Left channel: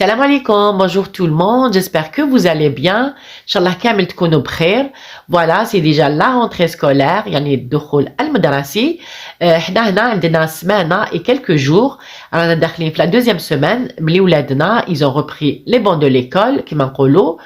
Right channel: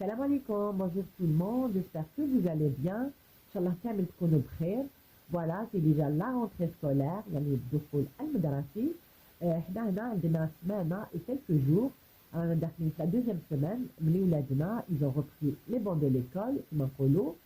Salam alaikum, bonjour tout le monde, j'espère que vous allez bien. Inch'Allah كامل تكونوا بخير. Voilà, c'est déjà la rentrée scolaire, يعني الدخول المدرسي. احنا هنا عندنا سمانة et quelques jours. رانا داخلين في la deuxième semaine. ملي ولادنا, ils ont repris les bancs de l'école, كما نقولوا.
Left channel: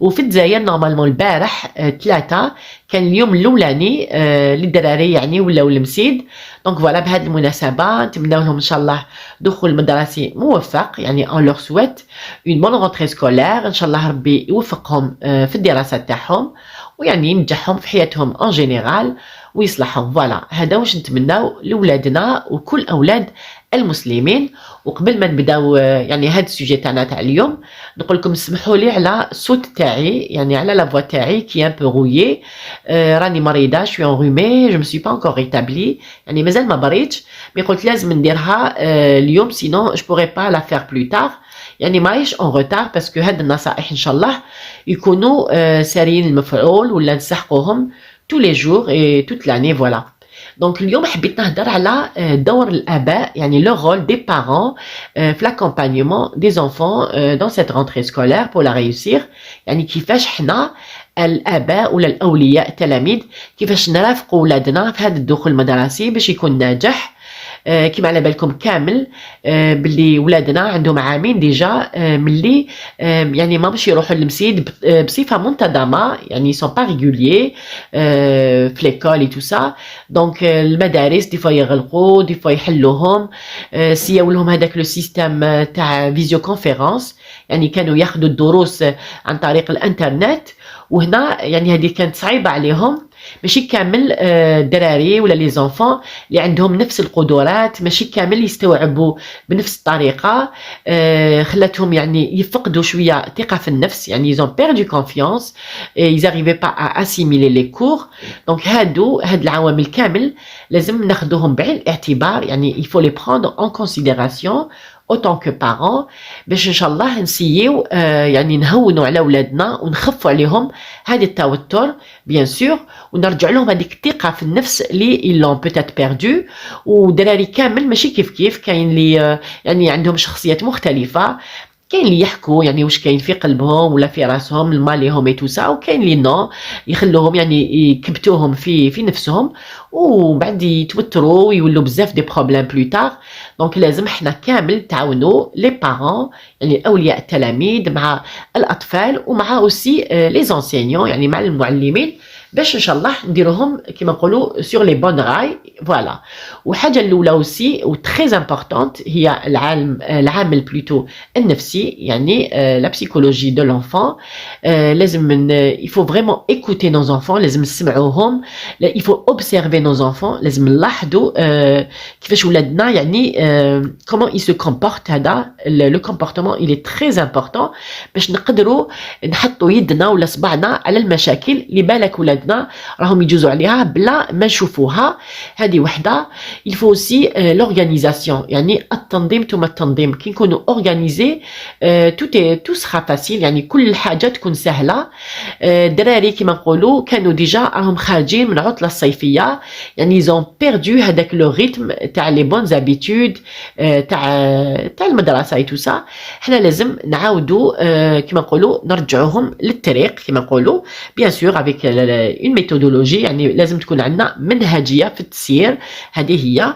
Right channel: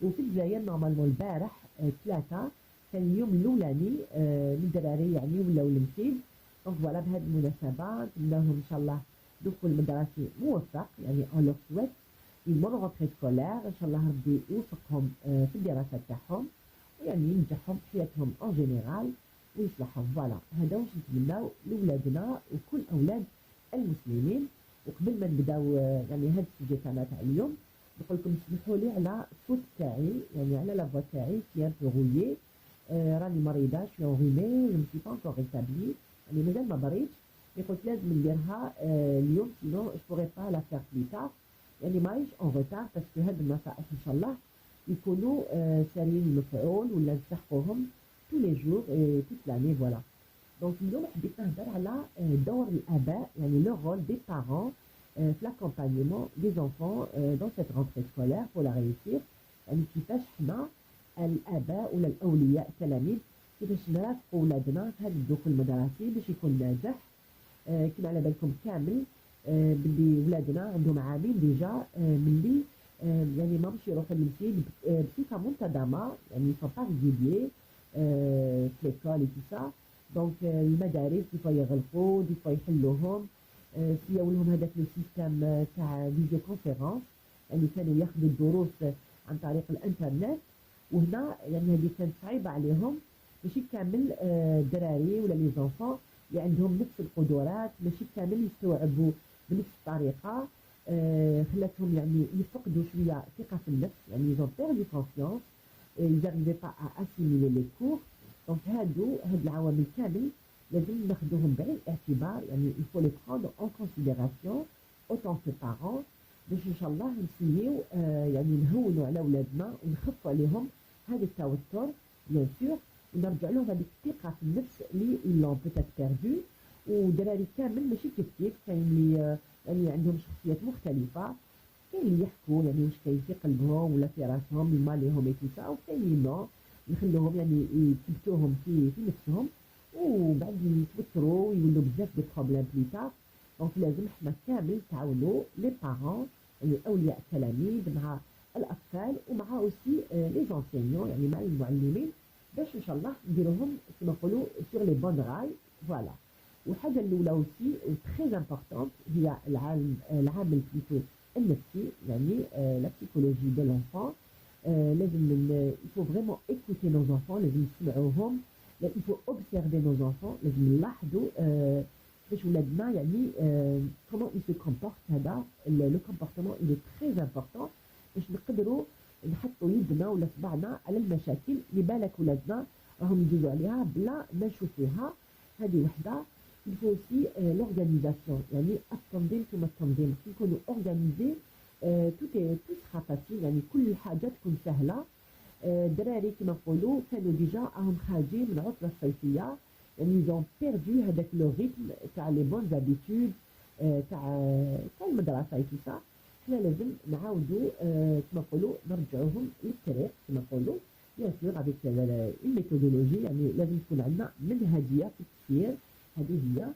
وفي الجزائر نورمالمون البارح 3 كان اليوم الاولاني للدراري يعني ولاو المسيد. دونك فوالا بهذه المناسبه نتمنوا لهم ان شاء الله دخول مدرسي موفق يعني اون لور سويت اون بون رونتري سكولير ان شاء الله ربي يوفقهم في الدراسه تاعهم ويعني ينجحهم في حياتهم اون جينيرال ويصلحهم. فوالا هذا واش نتمناو لولادنا وكل اولاد المسلمين. وقبل ما نبداو يعني هذا السوجي تاعنا تاع اليوم نقول لكم سمحوا لي على الصوت تاعي يعني على لا فوا تاعي كي ان بو رويي. راني مريضه شوي انغومي جو مي با انكور ريتابلي يعني مازال ما بريتش مي قلت لازم نديرها اليوم سينو جو بوغي با لا فير بلو تار يعني ماهيش اون روتار باسكو هاد النصائح ان شاء الله يكونوا ساريين المفعول ولا نسحقوهم tous les jours et toute l'année voilà. Donc اليوم حبيت نهضر على دور الآباء يعني le rôle des parents في l'accompagnement des enfants dans cette rentrée scolaire pour la réussir. يعني كيفاش حنا الآباء ولا الأولياء التلاميذ كيفاش نرافقوا ولادنا في هذا الدخول المدرسي باش يكون ناجح. كيما على بالكم كامل باللي ولادنا عندهم عامين ديجا ملي يعني ما باش يروحوا للمسيد بصفه منتظمه يعني سون با ريغوليي في ليكول اي تو سا. دونك المدارس دي فوا يغلقوا دي فوا يحلوهم سياو لهم هذاك لو سيستيم تاع فيزيو كونفيرونس يعني كانوا ياخذوا الدروس عن طريق الانترنت. وهنا يعني هذه كانت صعيبه عليهم ماشي كامل الدراري ولا لي زونفون اللي عندهم نفس القدرات ماشي كامل يستوعبوا بنفس الطريقه. خلاتهم يعني يفقدوا شويه ثقه في النفس يعني ils ont perdu confiance ils arrivaient pas à assimiler les cours. دونك هاد العوامل كامل لازم ناخذوهم بعين الاعتبار يعني il faut les prendre en considération autant que parents باش ان شاء الله نسيو يعني نهونوا على اولادنا ونخفوا عليهم هذا التوتر بيان سور ونرجع لهم هذيك الثقه في النفس اللي ils l'ont peut-être perdu. ودراري كامل ماشي كيف كاين اللي يعني عندهم شخصيات مختلفه كاين اللي يحكوا يعني واش كاين في قلبهم ولا في راسهم الماليهم اي تو سا وكاين اللي نو يخلوهم يعني يكبتوهم في نفسهم وبعد يتوتروا ويولوا بزاف دي بروبليم بلو تار. دونك لازم حنا كامل تعاونوا لي بارون يعني اولياء التلاميذ مع الاطفال ومع اوسي لي زونسينيون يعني مع المعلمين باش ان شاء الله نديروهم كيما نقولوا سور لي بون راي. فوالا وحاجه الاولى اوسي و تري امبورطونت هي العامل بلوتو النفسي يعني لا بسيكولوجي دو لونفون. لازم il faut vraiment écouter nos enfants لازم نسمعوهم. il faut observer nos enfants لازم نلاحظوا كيفاش ولادنا يعني comment ils se comportent. هذا le comportement il est très important باش نقدروا نحطوا يدنا ولا صبعنا على المشاكل اللي بالك ولادنا راهم يجوزوا عليها بلا ما نشوفوها. هذه وحده. il faut aussi l'organisation يعني التنظيم ثم التنظيم كي نكونوا اورغانيزي tout sera facile يعني كل الحاجه تكون سهله. الدراري كما نقولوا كانوا ديجا راهم خارجين من العطله الصيفيه يعني ils ont perdu هذاك لو ريتم تاع لي بون زابيتود تاع المدرسه اي تو سا. حنا لازم نعاودوا كما نقولوا نرجعوهم للطريق كما نقولوا بيان سور افيك اون ميثودولوجي يعني لازم تكون عندنا منهجيه في التسيير. هذه هي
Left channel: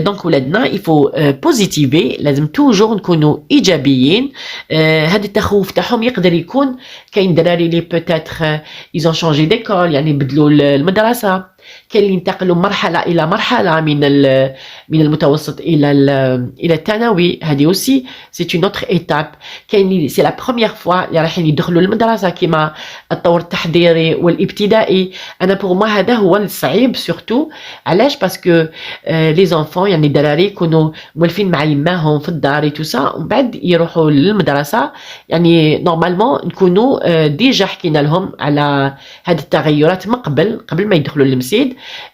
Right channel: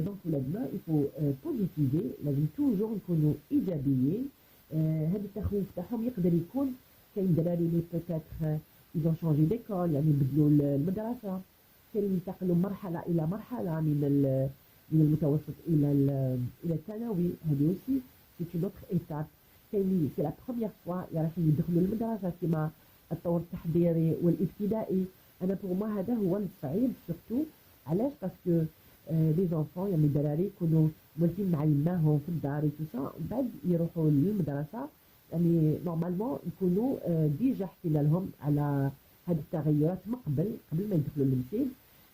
دونك ولادنا يفو بوزيتيفي لازم توجور نكونوا ايجابيين. هذا التخوف تاعهم يقدر يكون كاين دراري لي بوتيتر ايزون شونجي ديكول يعني بدلوا المدرسه كاين اللي ينتقلوا مرحله الى مرحله من المتوسط الى الثانوي. هذه اوسي سي اون اوتر ايتاب. كاين اللي سي لا بروميير فوا اللي رايحين يدخلوا للمدرسه كيما الطور التحضيري والابتدائي. انا بور ما هذا هو الصعيب سورتو علاش باسكو لي زونفون يعني الدراري يكونوا مولفين مع يماهم في الدار تو سا ومن بعد يروحوا للمدرسه يعني نورمالمون نكونوا ديجا حكينا لهم على هذه التغيرات من قبل ما يدخلوا للمسجد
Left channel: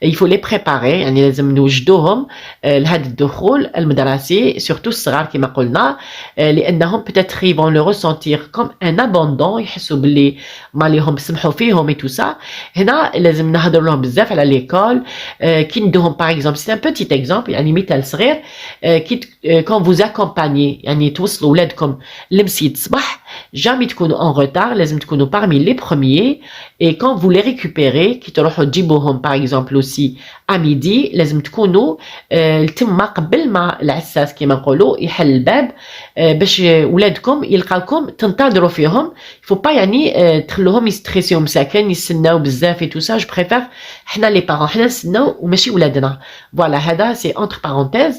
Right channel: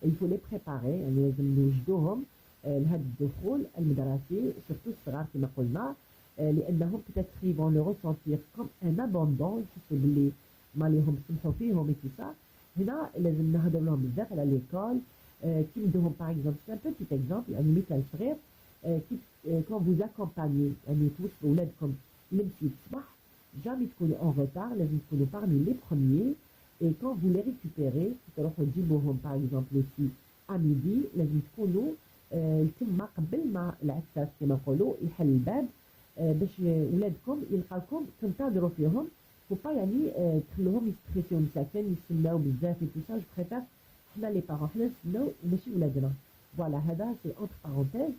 il faut les préparer يعني لازم نوجدوهم لهذا الدخول المدرسي surtout الصغار كما قلنا لأنهم peut-être ils vont le ressentir comme un abandon يحسوا باللي ما ليهم سمحوا فيهم et tout ça هنا لازم نهضر لهم بزاف على ليكول كي ندوهم par exemple c'est un petit exemple يعني مثال صغير كي quand vous accompagnez يعني توصلوا ولادكم لمسيد الصباح jamais تكونوا en retard لازم تكونوا parmi les premiers et quand vous les récupérez كي تروحوا تجيبوهم par exemple aussi à midi لازم تكونوا تما قبل ما العساس كما نقولوا يحل الباب باش ولادكم يلقاوكم تنتظروا فيهم il faut pas يعني تخلوهم يستريسيو مساكن يستناو بزاف et tout ça je préfère حنا les parents حنا نستناو وماشي ولادنا voilà هذا c'est entre parenthèses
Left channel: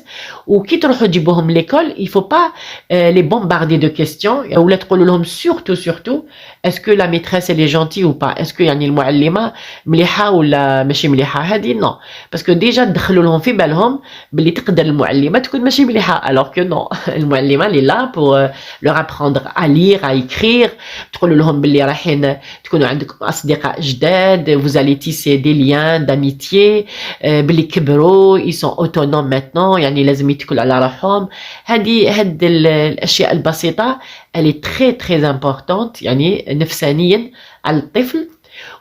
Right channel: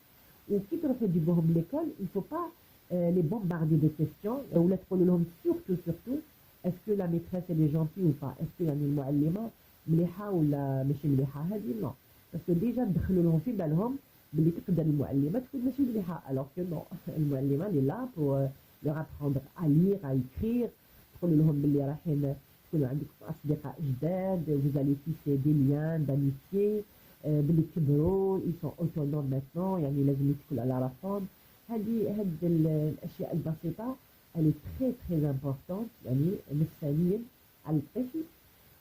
وكي تروحوا تجيبوهم ليكول il faut pas les bombarder de questions ولا تقولوا لهم surtout est-ce que la maîtresse elle est gentille ou pas est-ce que يعني المعلمة مليحة ولا ماشي مليحة هذه non parce que déjà تدخلوا لهم في بالهم باللي تقدر المعلمة تكون ماشي مليحة alors que non المعلمة elle est là pour leur apprendre à lire à écrire تقولوا لهم باللي رايحين تكونوا عندكم أصدقاء جداد vous allez tisser des liens d'amitié باللي كبروا ils sont autonomes maintenant يعني لازم يتكلوا على روحهم هاد الأشياء البسيطة elle est très importante يعني نفسانيا على الطفل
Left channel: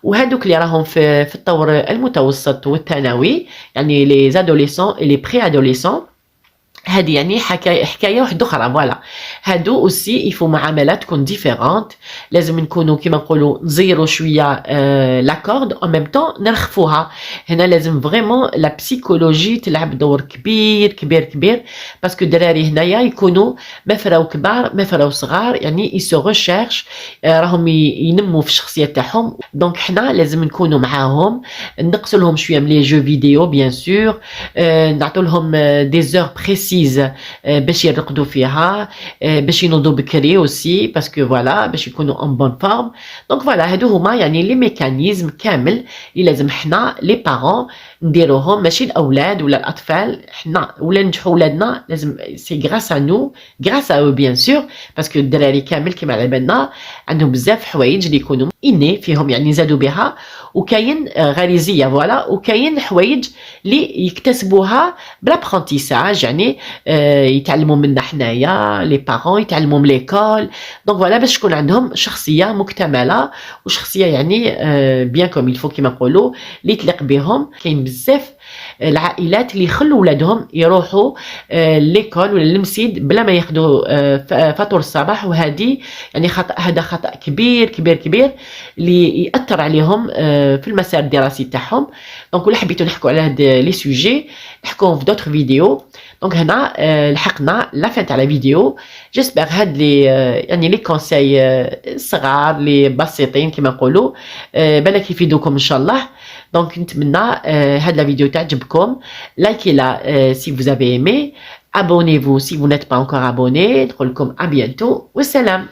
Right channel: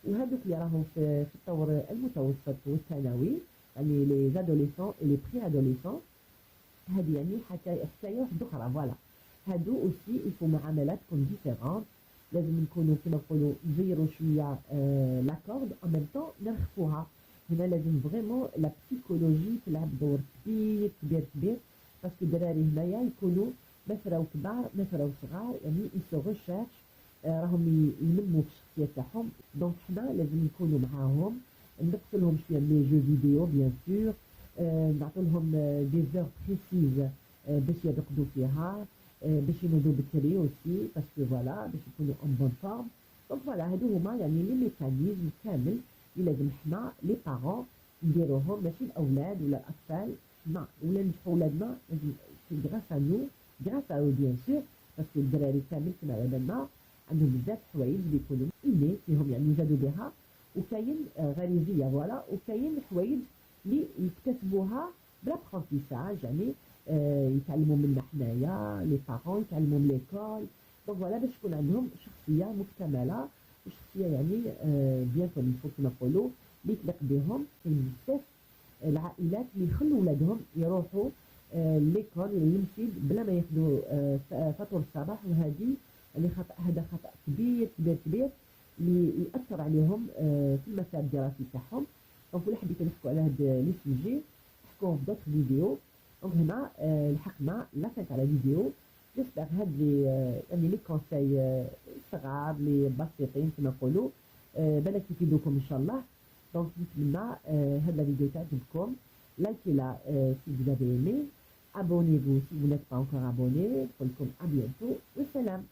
وهادوك اللي راهم في الطور المتوسط والثانوي يعني les adolescents et les préadolescents هذه يعني حكايه واحده اخرى فوالا هادو اوسي يفو معاملات تكون ديفيرونت لازم نكونوا كيما نقولوا نزيروا شويه لاكورد او ميم طون نرخفوها هنا لازم فريمون لا بسيكولوجي تلعب دور كبير باسكو الدراري هنايا يكونوا ما فراو كبار ما فراو صغار يعني يسو ريشيرش راهم ينموا في الشخصيه تاعهم دونك حنا لازم نكونوا معاهم نقصوا لهم شويه من لي جو فيديو بيان سور نعطوا لهم دي زور بريسي باش يرقدوا فيها باش ينوضوا بكري aussi parce que voilà باش يكونوا en bonne forme donc voilà هادو هما يعني لي ميكانيزم كامل اللي لازم حنا لي بارون نديروهم ماشي الاولاد ولا الاطفال حنا ولا ننجحوا ولادنا لازم سي غراس ا نو غراس ا او بيان سور باسكو الدراري كامل كما على بالنا عندهم بزاف حوايج اللي يكونوا اني فيهم يعني زادوا بها وكاين غريزيه فوالا وكاين حوايج اللي يكتسبوها بالابرونتيساج يعني يتعلموا منا حنايا لي بارون يتعلموا من ليكول دونك فوالا باش تكون عندهم شخصيه مكتمله وشخصيه يعني بيان كوم يلفو كيما نقولوا اللي تليق بهم كاين بزاف العائلات اللي يخلوا ولادهم يروحوا ليكول ولا للمسيد بلا ما ياخذوا فطور الصباح وهذه يعني هذا خطأ كبير اللي يأثر عليهم في المسار الدراسي تاعهم دونك ولا حبيتوا نحكوا على هاد لي سوجي نحكوهم في دوطر فيديو دونك هنا لحقنا لا فين تاع لا فيديو جيسبر هاد لي يعني لي كونساي صغار لي بسيطين كما نقولوا بالك يفيدوكم ان شاء الله دونك نتمنى هاد لا فيديو تعجبكم لايكي لا si vous avez aimé abonnez-vous si vous n'êtes pas encore abonné نقول لكم à bientôt والسلام